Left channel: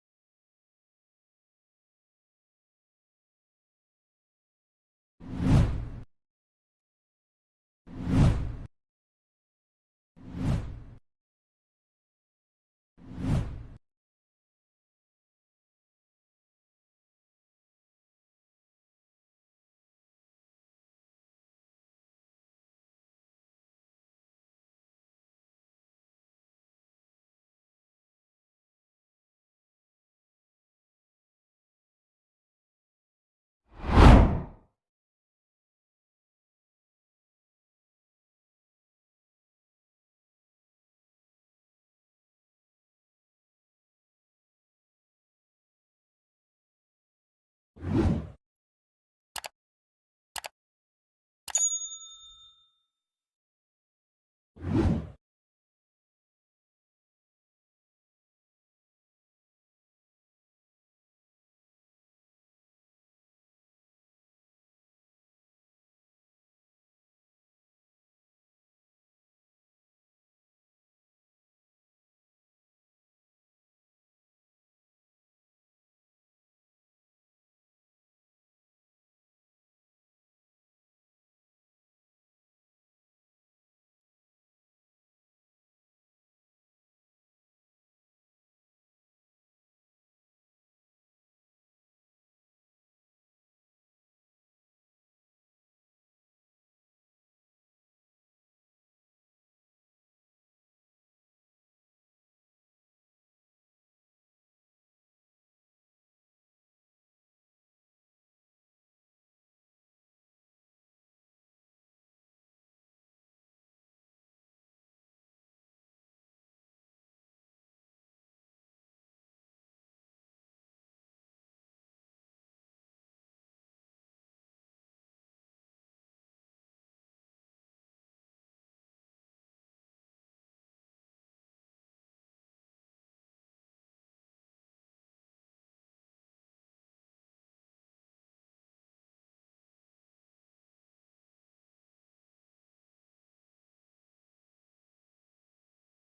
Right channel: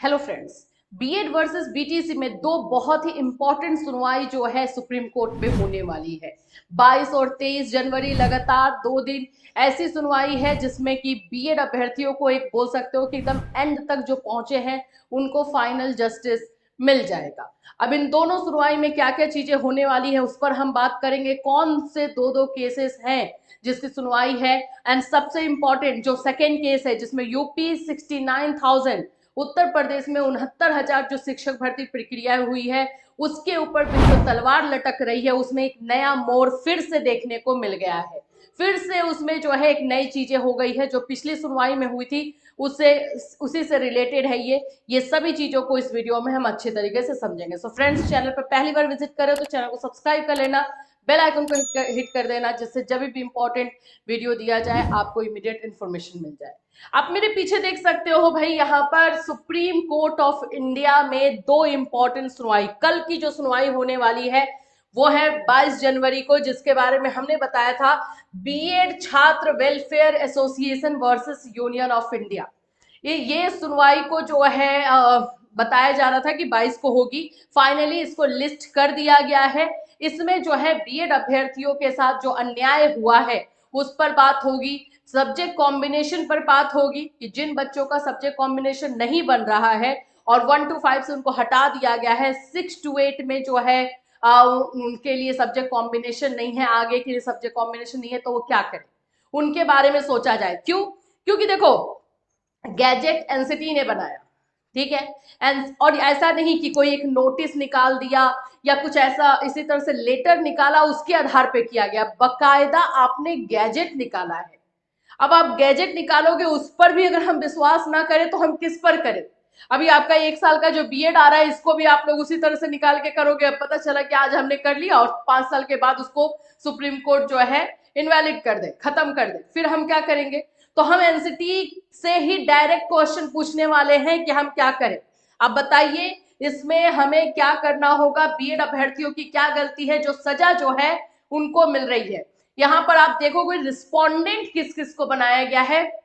Hello friends, BEd versus BTC में दो बहुत ही इंपॉर्टेंट सुनवाई जो है सुप्रीम कोर्ट में होने वाली है। 22 और 23 जनवरी लगातार 2 दिन ऐसी सुनवाई है जिसमें कि बीएड अभ्यर्थियों को एक बोल सकते हो कि एकदम एंड तक जो पहुंचे हैं उनको फाइनल जस्टिस मिल जाएगा। अब इन दोनों सुनवाई में क्या क्या चीजें होने वाली है उस पर हम बात करेंगे। कौन से दो दो केसेस हैं जिसकी सुनवाई है, एंड सबसे इंपॉर्टेंट जो सेकेंड केस है जिसमें यूपी 69,000, उत्तर प्रदेश में 69,000 जो शिक्षक भर्ती प्रक्रिया हुई है उसके ऊपर जो तलवार लटक रही है उसमें एक नया मोड़ फिर से देखने को मिल गया है। फिर से उसमें जो है एक नई चीजें हो गई है जो पिछली सुनवाई में हुई थी उससे उसी से रिलेटेड है। ये सभी चीजों को इस वीडियो में हम अच्छे तरीके से समझेंगे। सो फ्रेंड्स, चैनल पर पहली बार विजिट करें तो चैनल को सब्सक्राइब कर लेना, बेल आइकन को हिट कर देना जिससे जब भी इंपॉर्टेंट वीडियो दिया जाए आपको इमीडिएट इन्फॉर्मेशन मिल जाए। आप मेरे पीछे देख सकते हो भाई, यहाँ पर सुप्रीम कोर्ट ऑफ इंडिया में दो इंपॉर्टेंट सुनवाई, कल की जो सुनवाई होने वाली है वो है 22 जनवरी को, जिसके बारे में हमने बताया था बीएड छात्र welfare association versus union of India. ये सुनवाई को जो है बताया जा रहा था कि 22 को होगी। फाइनली इसको लिस्ट कर दिया गया है। इसमें जो है बीएड अभ्यर्थियों के साथ जो अन्याय हुआ है उस पर बात होगी, सब्जेक्ट कॉम्बिनेशन पर बात होगी कि जिन बच्चों का सब्जेक्ट कॉम्बिनेशन नहीं बन रहा है और 1 to 5 से उनको हटा दिया गया है, 6 to 8 में जो है उनके लिए सब्जेक्ट कॉम्बिनेशन नहीं है, आगे के लिए सब्जेक्ट कॉम्बिनेशन नहीं है, तो वो क्या करें उनके बारे में सोचा जाए। क्यों? क्योंकि देखो, गैजेट एनसीटी ने बनाया, ठीक है, एंड और ऐसा नहीं कि कोई एक नोटिस निकाल दिया या कुछ ऐसा इसी तरह से लेटर निकाला उसके आधार पे किया गया, बकायदा आपने गैजेट निकाला है। अब आप गैजेट निकालोगे उस पर भी अगर हम विश्वास ना करें तो हम किस पर करें? अभी आपका 1 साल का जो बीएड आ रहा है इसको भी आप लोग उसी तरह से निकाल के करोगे। अब पता चला कि आज हमने कर लिया और 5 साल के बाद उसको सुप्रीम कोर्ट जो है इनवैलिड कर दे, खत्म कर दे, फिर हम क्या करेंगे? तो हम एनसीटी से ही डायरेक्ट क्वेश्चन पूछने वाले हैं कि हम क्या करें। अब बताइए इसमें हमें क्या करना होगा, बीएड अभ्यर्थियों की क्या गलती है जो सजा जो है उनको मिल रही है। यहाँ पर आप देखोगे रिस्पोंडेंट किस किस को बनाया गया है,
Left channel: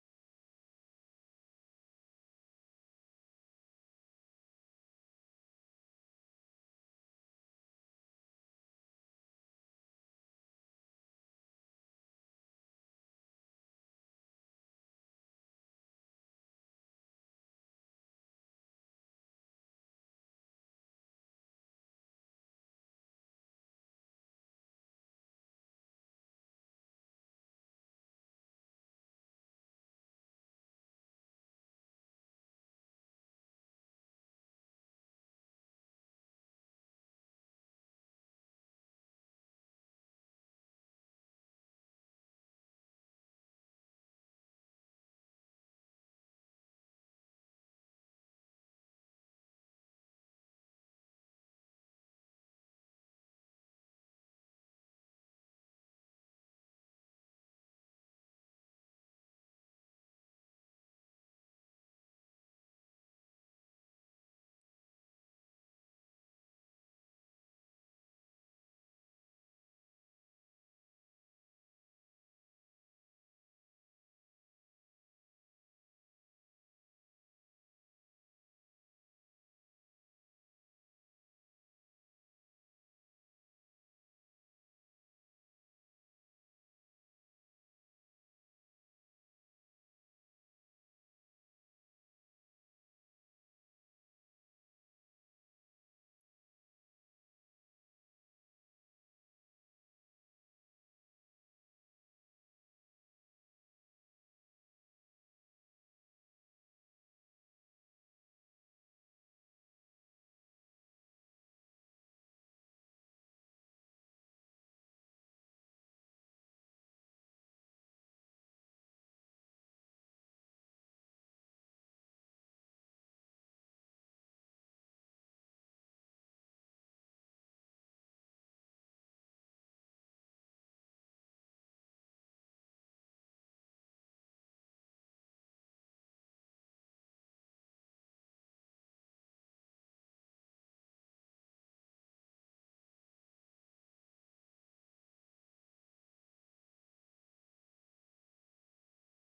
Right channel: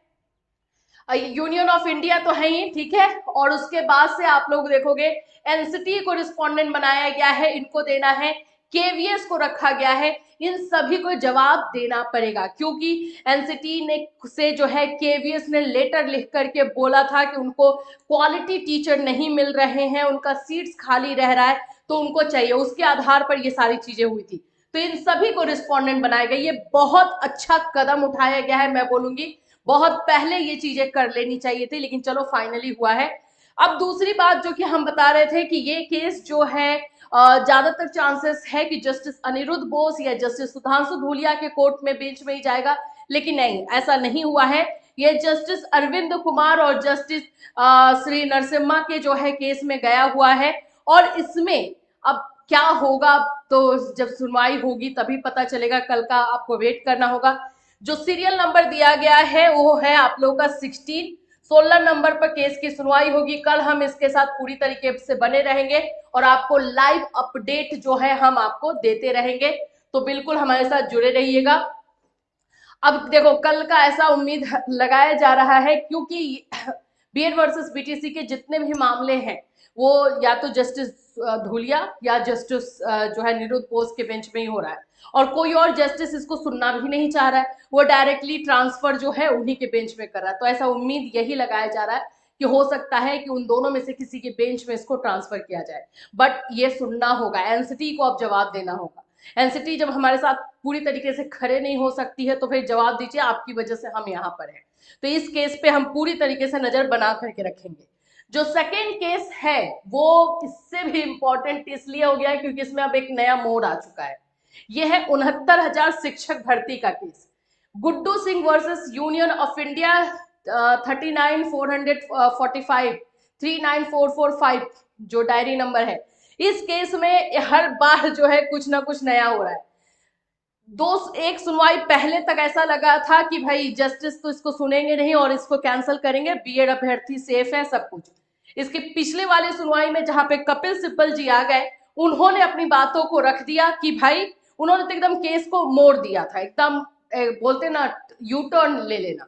यूनियन ऑफ इंडिया तो है ही, ठीक है, और उसके बाद से आप लोग देखोगे एनसीटी को रिस्पोंडेंट बनाया गया है, इनको देना है, केवीएस को रखा गया है। इन सभी को जवाब देना पड़ेगा क्योंकि एनसीटी ने से जो है केवीएस ने लेटर लिख करके बोला था कि उनको क्वालिटी टीचर नहीं मिल रहे हैं, उनका सीट्स खाली रह रहा है तो उनको चाहिए, उसके आधार पर ये सारी चीजें हुई थी। तो इन सभी को रिस्पोंडेंट बनाया गया। ये बहुत अच्छा कदम उठाया गया है, मैं बोलूंगी बहुत पहले ये चीजें कर लेनी चाहिए थी, लेकिन चलो फाइनली हुआ है। अब दूसरी बात जो कि हम बता रहे थे कि ये केस जो है ज्यादातर चांसेस है कि जस्टिस अनिरुद्ध बोस या जस्टिस सुधांशु धूलिया के कोर्ट में बेंच में ही जाएगा, लेकिन नहीं, ऐसा नहीं हुआ है। ये जस्टिस अरविंद कुमार और जस्टिस श्री नरसिम्हा के जो है केस में गया हुआ है। और इसमें अब क्या होगा तो जब सुनवाई होगी तभी पता चलेगा, कल का आपको वेट करना होगा। जो सीरियल नंबर दिया गया है वो है आप लोगों का 16। 16 नंबर पर केस की सुनवाई होगी। कल हम इसके साथ पूरी तरीके से बने रहेंगे और आपको लाइव अपडेट जो है हम आपको देते रहेंगे, तो बिल्कुल हमारे साथ जुड़े रहिएगा। अब देखो, कल का ऐसा उम्मीद लगाया जा रहा है क्योंकि बीएड वर्सेस बीटीसी के जितने भी मामले हैं वो या तो जस्टिस धूलिया या जस्टिस जो है निरुद्ध बोस के बेंच में ही हो रहा है, और कोई और जस्टिस इसको सुनना भी नहीं चाह रहा है, वो डायरेक्टली ट्रांसफर जो है उन्हीं के बेंच में कर रहा है। तो ऐसा उम्मीद यही लगाया जा रहा है कि हो सकता है कि उन दोनों में से किसी के बेंच में इसको ट्रांसफर किया जाए, बट ये सुनना होगा, एनसीटी को अब जवाब देना होगा। एनसीटी जब हमारे साथ पूरी तरीके से खड़े नहीं हो सकती है तो फिर जवाब दीजिए, आपकी वजह से हम यहाँ पर हैं। तो इस केस पे हम पूरी तरीके से नजर बना करके रखेंगे। जो सेकेंड केस है वो इससे भी इंपॉर्टेंट इसलिए हो गया है क्योंकि इसमें अब एक नया मोड़ आ चुका है। यह है 69,000 शिक्षक भर्ती का case, Guddu Singh versus union of India 39,445 39445 जो डायरी नंबर है। इस केस में हर बार जो है कुछ ना कुछ नया हो रहा है। एक सुनवाई पहले तक ऐसा लगा था कि भाई जस्टिस तो इसको सुनेंगे नहीं और इसको कैंसिल करेंगे, बीएड अभ्यर्थी सेफ है सब कुछ। इसके पिछले वाले सुनवाई में जहां पे कपिल सिब्बल जी आ गए, उन्होंने अपनी बातों को रख दिया कि भाई उन्होंने तो एकदम केस को मोड़ दिया था, एकदम बोलते ना यू टर्न ले लेना।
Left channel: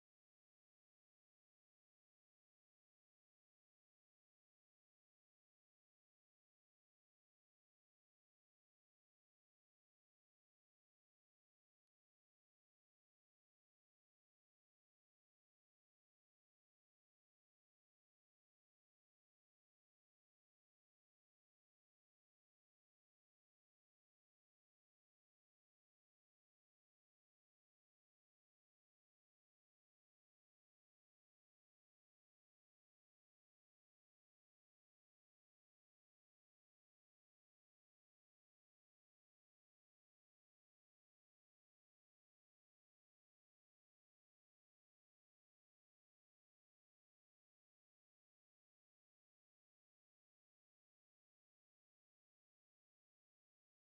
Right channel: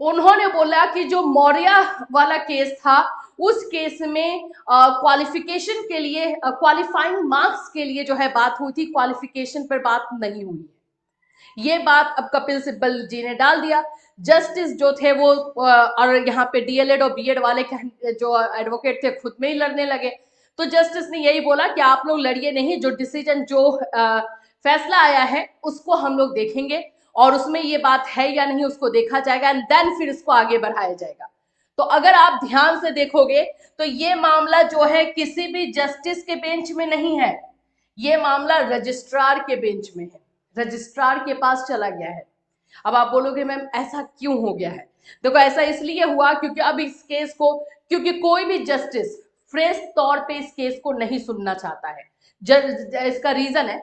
उन्होंने बोला कि जो मौर्य वाला केस था उस केस में क्वालिफिकेशन के लिए, क्वालिफाइंग मार्क्स के लिए जो है बात हुई थी, क्वालिफिकेशन पर बात नहीं हुई है। ये बात अब कपिल सिब्बल जी ने डाल दिया। जस्टिस जो थे वो और यहाँ पे डीएलएड और बीएड वाले जो एडवोकेट थे खुद में ही लड़ने लगे। तो जस्टिस ने यही बोला कि आप लोग लड़िए नहीं, जो डिसीजन, जो फैसला आया है उसको हम लोग देखेंगे और उसमें ये बात है या नहीं उसको देखा जाएगा एंड देन फिर इसको आगे बढ़ाया जाएगा। तो अगर आप ध्यान से देखोगे तो ये मामला जो है किसी भी जस्टिस के बेंच में नहीं है, ये मामला रजिस्ट्रार के बेंच में है, रजिस्ट्रार के पास चला गया है। अब आप बोलोगे मैम ऐसा क्यों हो गया है? देखो ऐसा इसलिए हुआ क्योंकि अब इस केस को, क्योंकि कोई भी जस्टिस फ्रेश तौर पे इस केस को नहीं सुनना चाहता है। इसका रीजन है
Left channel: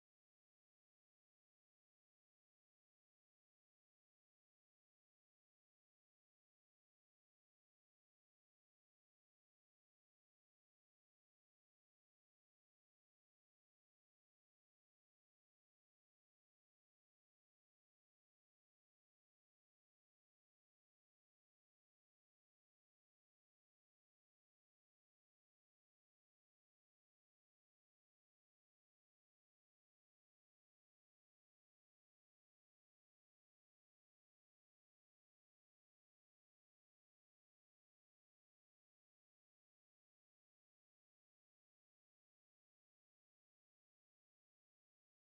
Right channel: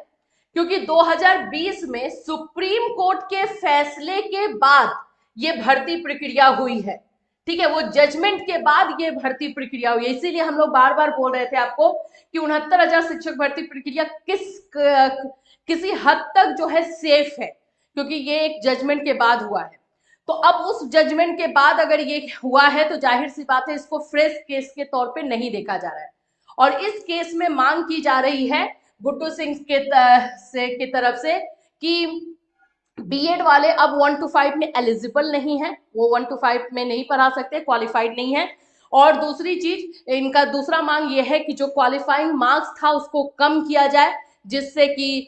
क्योंकि 2020 में सुप्रीम कोर्ट के फैसले के बाद ये भर्ती प्रक्रिया हुई है। ठीक है, वो जजमेंट के बाद ये भर्ती प्रक्रिया हुई है। इसीलिए हम लोग बार बार बोल रहे थे आपको कि 69,000 शिक्षक भर्ती प्रक्रिया किसी हद तक जो है सेफ है, क्योंकि ये एक जजमेंट के बाद हुआ है। तो अब उस जजमेंट के बाद अगर ये हुआ है तो जाहिर सी बात है इसको फ्रेश केस के तौर पे नहीं देखा जा रहा है। और इस केस में मांग की जा रही है गुड्डू सिंह की तरफ से कि बीएड वाले अब 1 to 5 में एलिजिबल नहीं है, वो 1 to 5 में नहीं पढ़ा सकते, क्वालिफाइड नहीं है। और दूसरी चीज, इनका दूसरा मांग ये है कि जो क्वालिफाइंग मार्क्स था उसको कम किया जाए, जिससे कि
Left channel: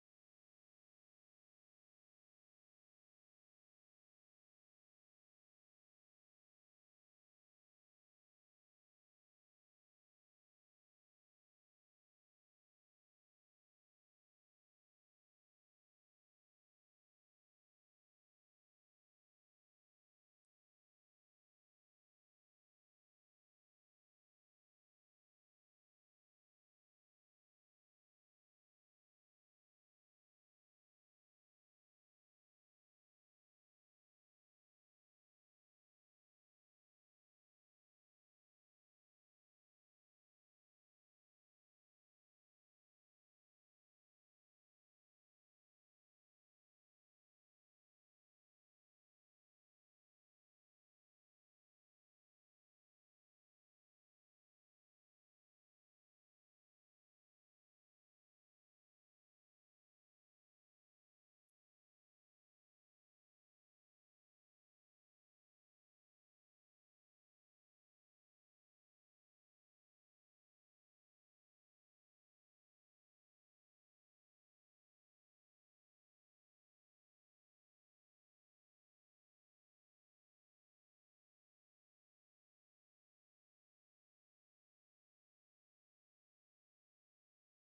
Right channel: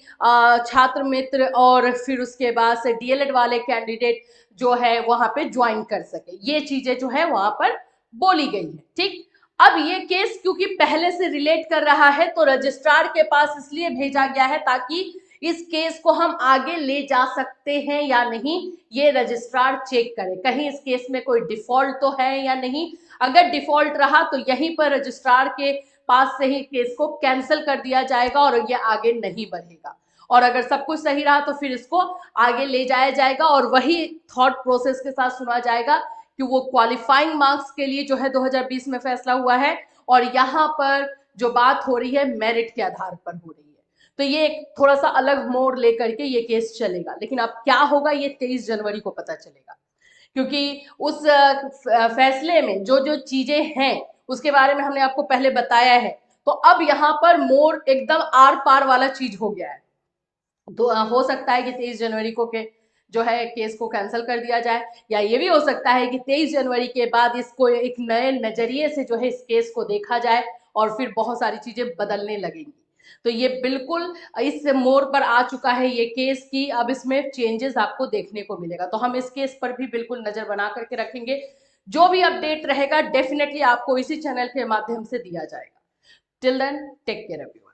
छात्र मित्र और फिर उसके बाद से डीएलएड वाले कैंडिडेट जो है वहां पे ज्वाइन कर सके। ये चीजें जो है वहां पर बोली गई है। ठीक, अब ये केस क्योंकि पहले से रिलेट कर रहा है तो रजिस्ट्रार के पास इसलिए भेजा गया है ताकि इस केस को हम आगे ले जा सकते हैं या नहीं ये रजिस्ट्रार चेक करे, कहीं इस केस में कोई डिफॉल्ट तो है या नहीं। अगर डिफॉल्ट रहा तो यहीं पर रजिस्ट्रार के पास से ही केस को कैंसिल कर दिया जाएगा और ये आगे नहीं बढ़ेगा। और अगर सब कुछ सही रहा तो फिर इसको आगे ले जाया जाएगा और वही थॉट प्रोसेस के साथ सुना जाएगा कि वो क्वालिफाइंग मार्क्स के लिए जो है 2020 में फैसला हुआ है और यहाँ पर जो बात हो रही है मेरिट के आधार पर हो रही है। तो ये एक थोड़ा सा अलग मोड़ लेकर के ये केस चलेगा, लेकिन अब क्या होगा ये 23 जनवरी को पता चलेगा, क्योंकि उस फैसले में जो जो चीजें हैं उसके बारे में हमने आपको पहले बताया है। तो अब यहाँ पर मोड़ एकदम आर पार वाला चीज हो गया है। तो हो सकता है कि 23 जनवरी को के जो है केस को कैंसिल कर दिया जाए, या ये भी हो सकता है कि 23 जनवरी के बाद इसको एक नए नजरिए से जो है इस केस को देखा जाए और फिर बहुत सारी चीजें बदलने लगेंगी। तो ये बिल्कुल इस मोड़ पर आ चुका है ये केस की, अब इसमें चेंजेस आपको देखने को मिलेगा। तो हम इस केस पर भी बिल्कुल नजर बना करके रखेंगे। जो भी अपडेट रहेगा डेफिनेटली आपको इसी चैनल के माध्यम से दिया जाएगा। Till then take care everyone.